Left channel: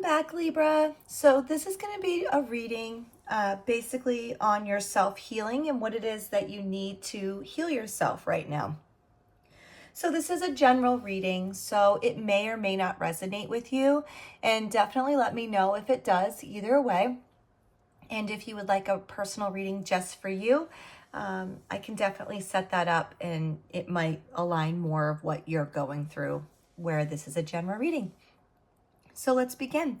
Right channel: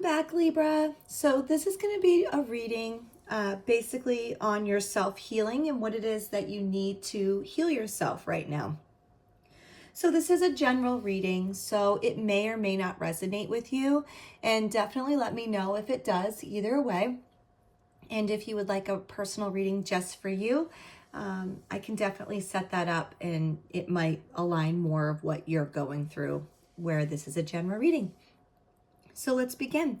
Welcome back, Libra. So this is going to be a reading basically on your self-healing and what it is that you need to heal yourself right now. So this is a general reading, so it may or may not resonate with you, and definitely let me know if it does, either way. And if you would like a personal reading just for you, I can definitely set that up, and it might align more of what you're going through where this is a general reading. So let's begin.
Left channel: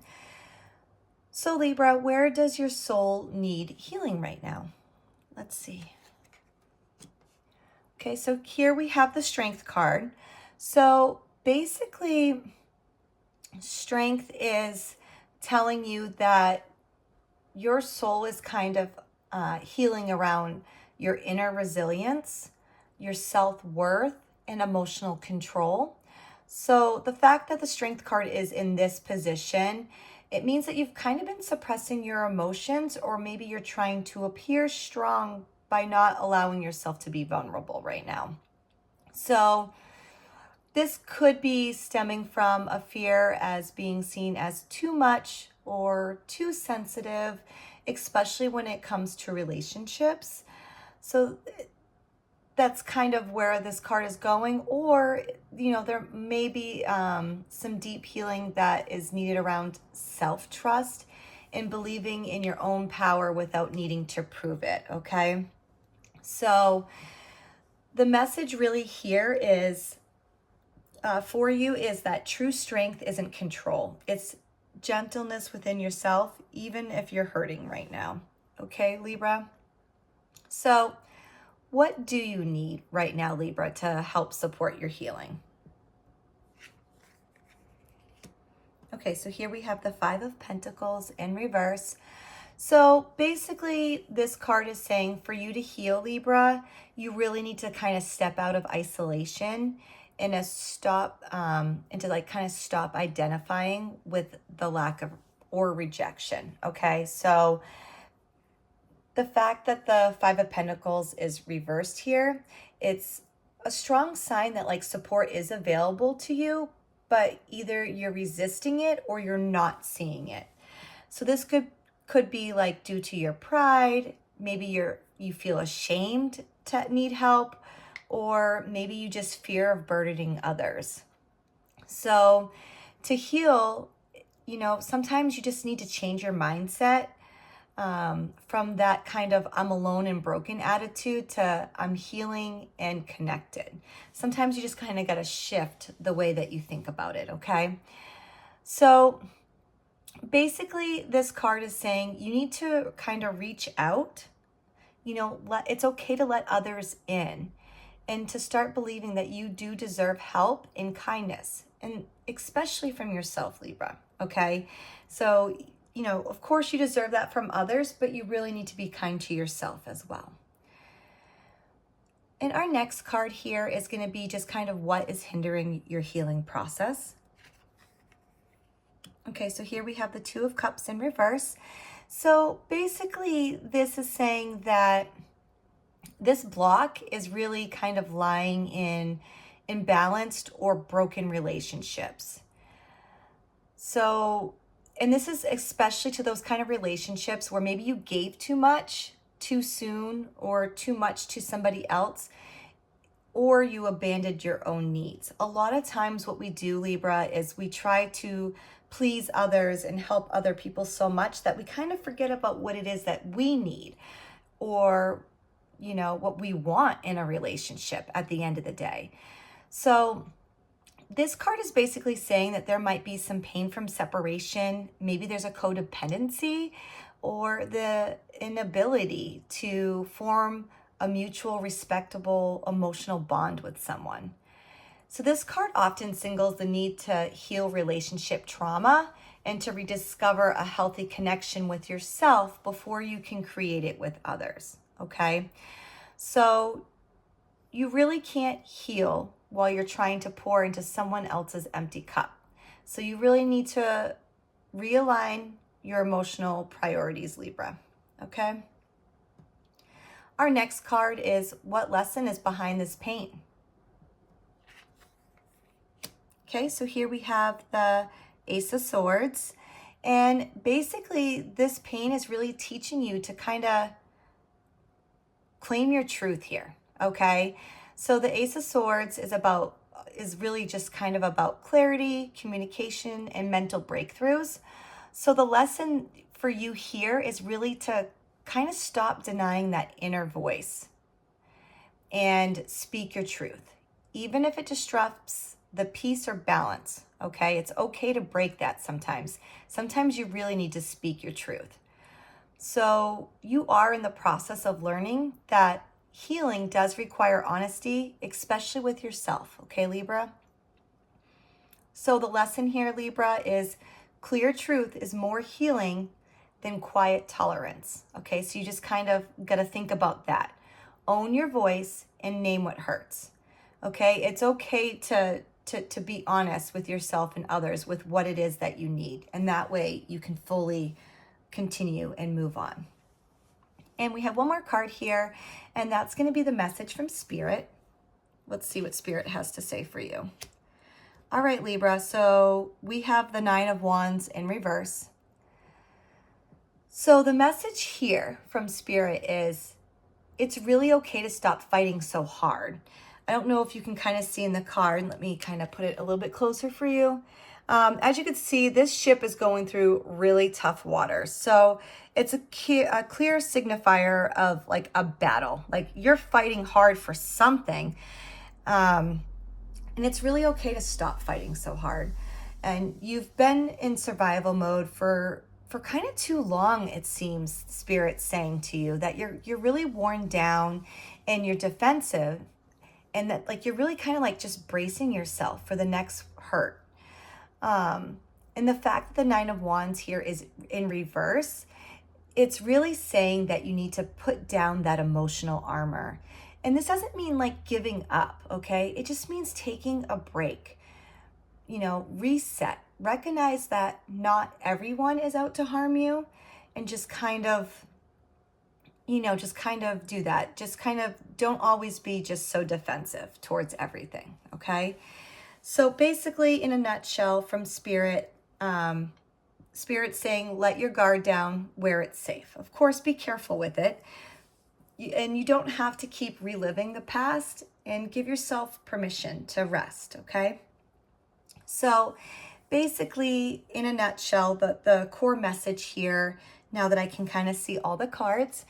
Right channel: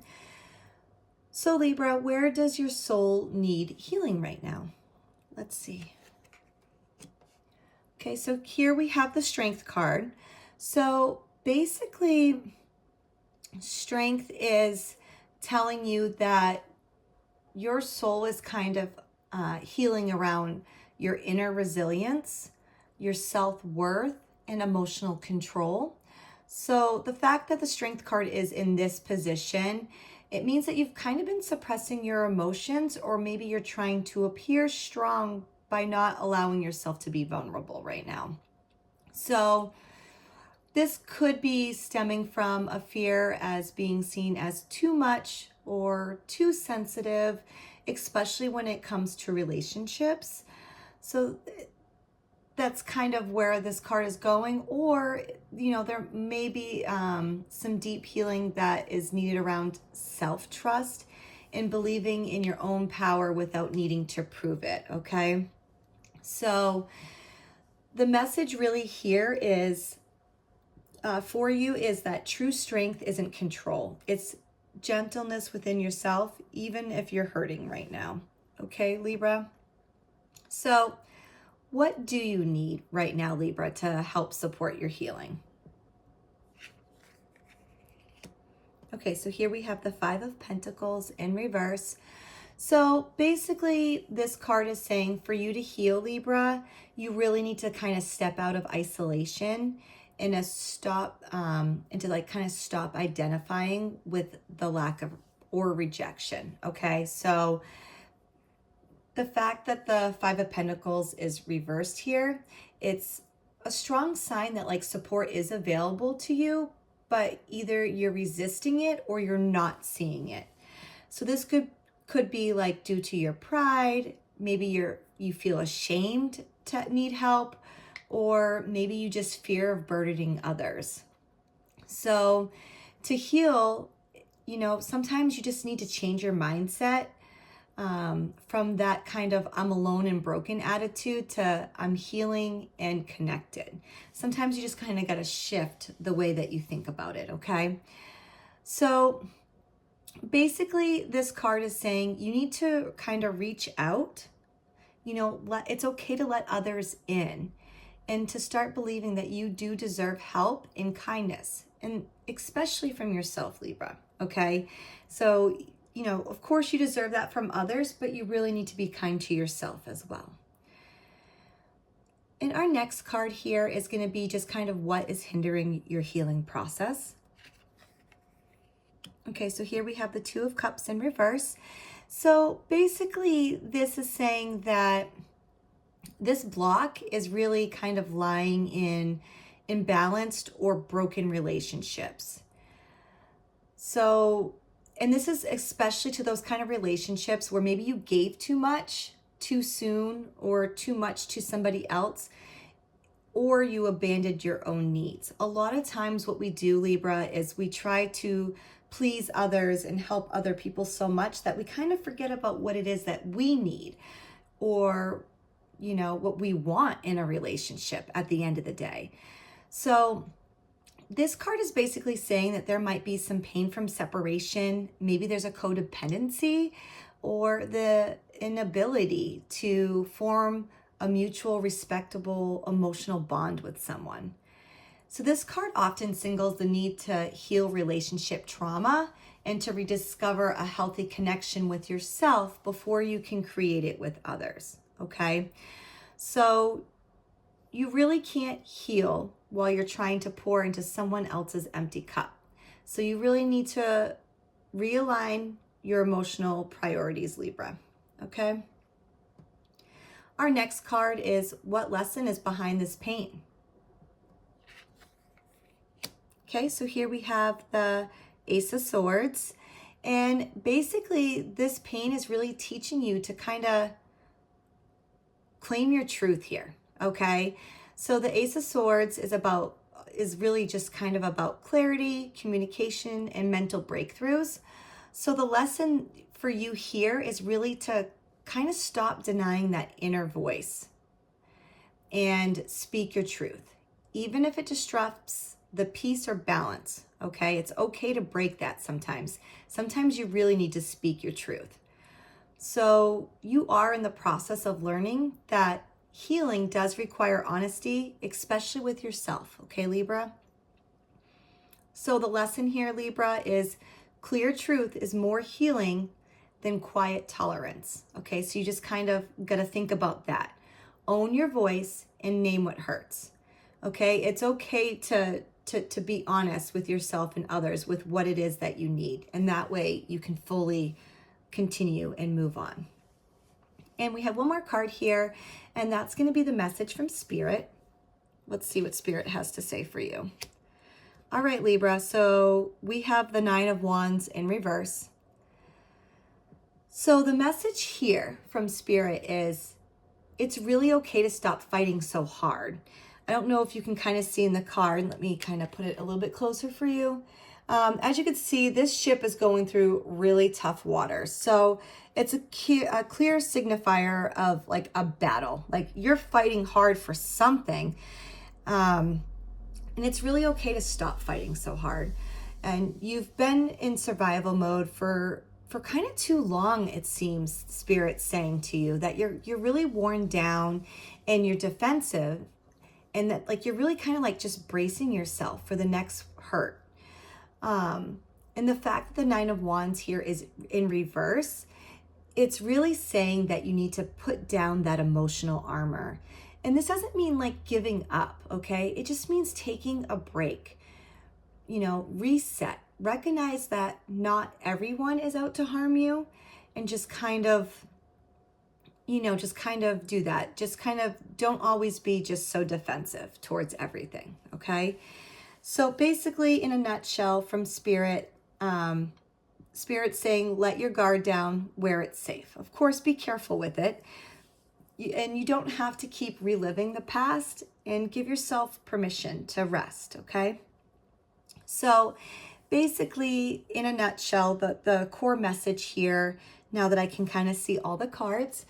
So Libra, where does your soul need healing right now? Let's see. Okay, so here we have the Strength card. So basically, Strength is telling you that your soul is kind of healing around your inner resilience, your self-worth, and emotional control. So the fact that the Strength card is in this position, it means that you've kind of been suppressing your emotions, or maybe you're trying to appear strong by not allowing yourself to be vulnerable right now. So this could be stemming from a fear as being seen as too much or too sensitive, especially when it comes to relationships. So that's kind of where this card is going. Or, there may be some deep healing that is needed around self-trust and believing in your own power without needing to prove it, okay? So the message really here is for you is that true strength isn't control. It's gentleness within yourself, even if you're hurting right now. Okay, Libra? So what do you need right now, Libra, to help support your healing? Okay, so here we have the Five of Pentacles in reverse. So basically, this card is saying for you to heal, Libra, you really need to kind of step out of isolation and stop identifying with the lack of or rejection. Okay, so the fact that the Five of Pentacles is reversed here, it's a strong sign that like support is available to you, but either you're resisting it or you're not seeing it. So this could be like due to your pride, maybe you feel ashamed to need help, or maybe you just fear of burdening others. So to heal, sometimes you just need to change your mindset from that kind of I'm alone and broken attitude to I'm healing and connected. Sometimes you just kind of got to shift the way that you think about it, okay? So basically, this card is saying you need to kind of reach out. It's okay to let others in and to start believing that you do deserve help and kindness, and especially from yourself, Libra, okay? So of course you deserve that from others, but you really need to be kind to yourself as well. And our next card here is going to be just kind of what is hindering your healing process. Okay, so here we have the Two of Cups in reverse. So basically, this is saying that this block is really kind of lying in imbalanced or broken relationships. So, and this is especially to those kind of relationships where maybe you gave too much, too soon, or too much to somebody else, or you abandoned your own needs. A lot of times what we do, Libra, is we try to please others and help other people so much that we kind of forget about what it is that we need, or what we want in a relationship at the end of the day. So this card is basically saying that there might be some pain from separation. Maybe there's a codependency or the inability to form a mutual, respectable, emotional bond with someone. So this card often signals the need to heal relationship trauma and to rediscover a healthy connection with yourself before you can create it with others, okay? So you really can't heal while you're trying to pour into someone else's empty cup. So you really need to realign your emotional priorities, Libra, okay? Our next card is what lesson is behind this pain? Okay, so here we have the Ace of Swords, And basically, this pain is really teaching you to kind of claim your truth here, okay? So the Ace of Swords is really just kind of about clarity, communication, and mental breakthroughs. So the lesson for you here is really to kind of stop denying that inner voice and speak your truth, even if it disrupts the peace or balance, okay? It's okay to break that sometimes. Sometimes you really need to speak your truth. So you are in the process of learning that healing does require honesty, especially with yourself, okay, Libra? So the lesson here, Libra, is clear truth is more healing than quiet tolerance, okay? So you just kind of got to think about that. Own your voice and name what hurts, okay? It's okay to be honest with yourself and others with what it is that you need. And that way you can fully continue and move on. And we have one more card here, and that's going to be the message from Spirit. Let's see what Spirit has to say for you. All right, Libra, so we have the Nine of Wands in reverse. So the message here from Spirit is it's really okay to stop fighting so hard. I don't know if you can kind of see in the card. Let me kind of put it a little bit closer for you. As you can see, this ship is going through really tough waters. So it's a clear signifier of like a battle. Like you're fighting hard for something. And it's really okay to stop fighting so hard. And you've been in survival mode for kind of too long, it seems, Spirit's saying to you that you're really worn down and you're defensive, and that like you're really kind of like just bracing yourself for the next hurt. And the fact that the Nine of Wands here is in reverse, it's really saying that you need to put down that emotional armor. And this doesn't mean like giving up, okay? It just means taking a break, reset. Recognize that not everyone is out to harm you, and just kind of, just kind of do that. Just kind of don't always be just so defensive towards everything, okay? So basically, in a nutshell, from Spirit, Spirit saying, let your guard down where it's safe. Of course, be careful with it. And you don't have to keep reliving the past, and give yourself permission to rest, okay? So basically, in a nutshell, the core message here, now that I can kind of see all the cards,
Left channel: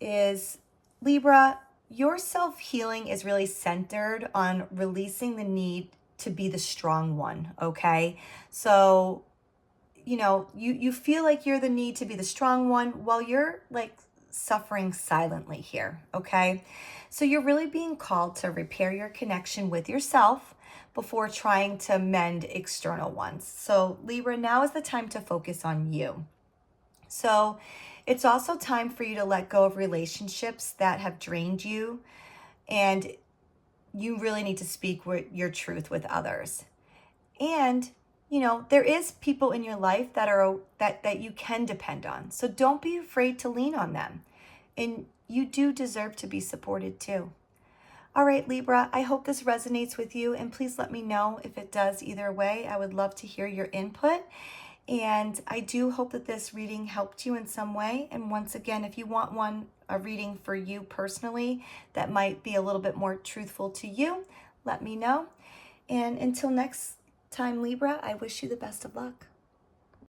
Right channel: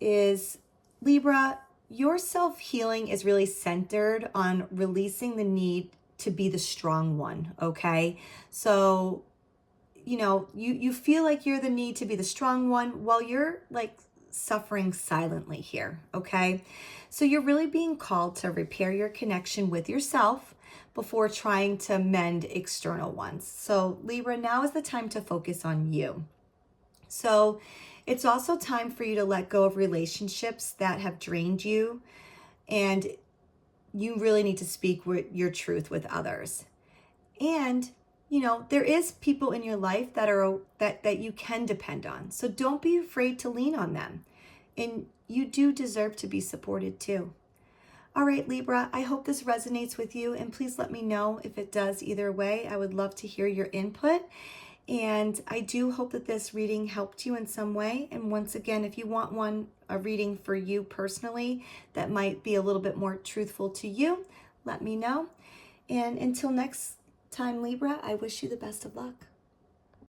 is Libra, your self-healing is really centered on releasing the need to be the strong one, okay? So, you feel like you're the need to be the strong one while you're like suffering silently here, okay? So you're really being called to repair your connection with yourself before trying to mend external ones. So Libra, now is the time to focus on you. So it's also time for you to let go of relationships that have drained you, and you really need to speak your truth with others. And there is people in your life that you can depend on. So don't be afraid to lean on them. And you do deserve to be supported too. All right, Libra, I hope this resonates with you, and please let me know if it does either way. I would love to hear your input. And I do hope that this reading helped you in some way. And once again, if you want a reading for you personally that might be a little bit more truthful to you, let me know. And until next time, Libra, I wish you the best of luck.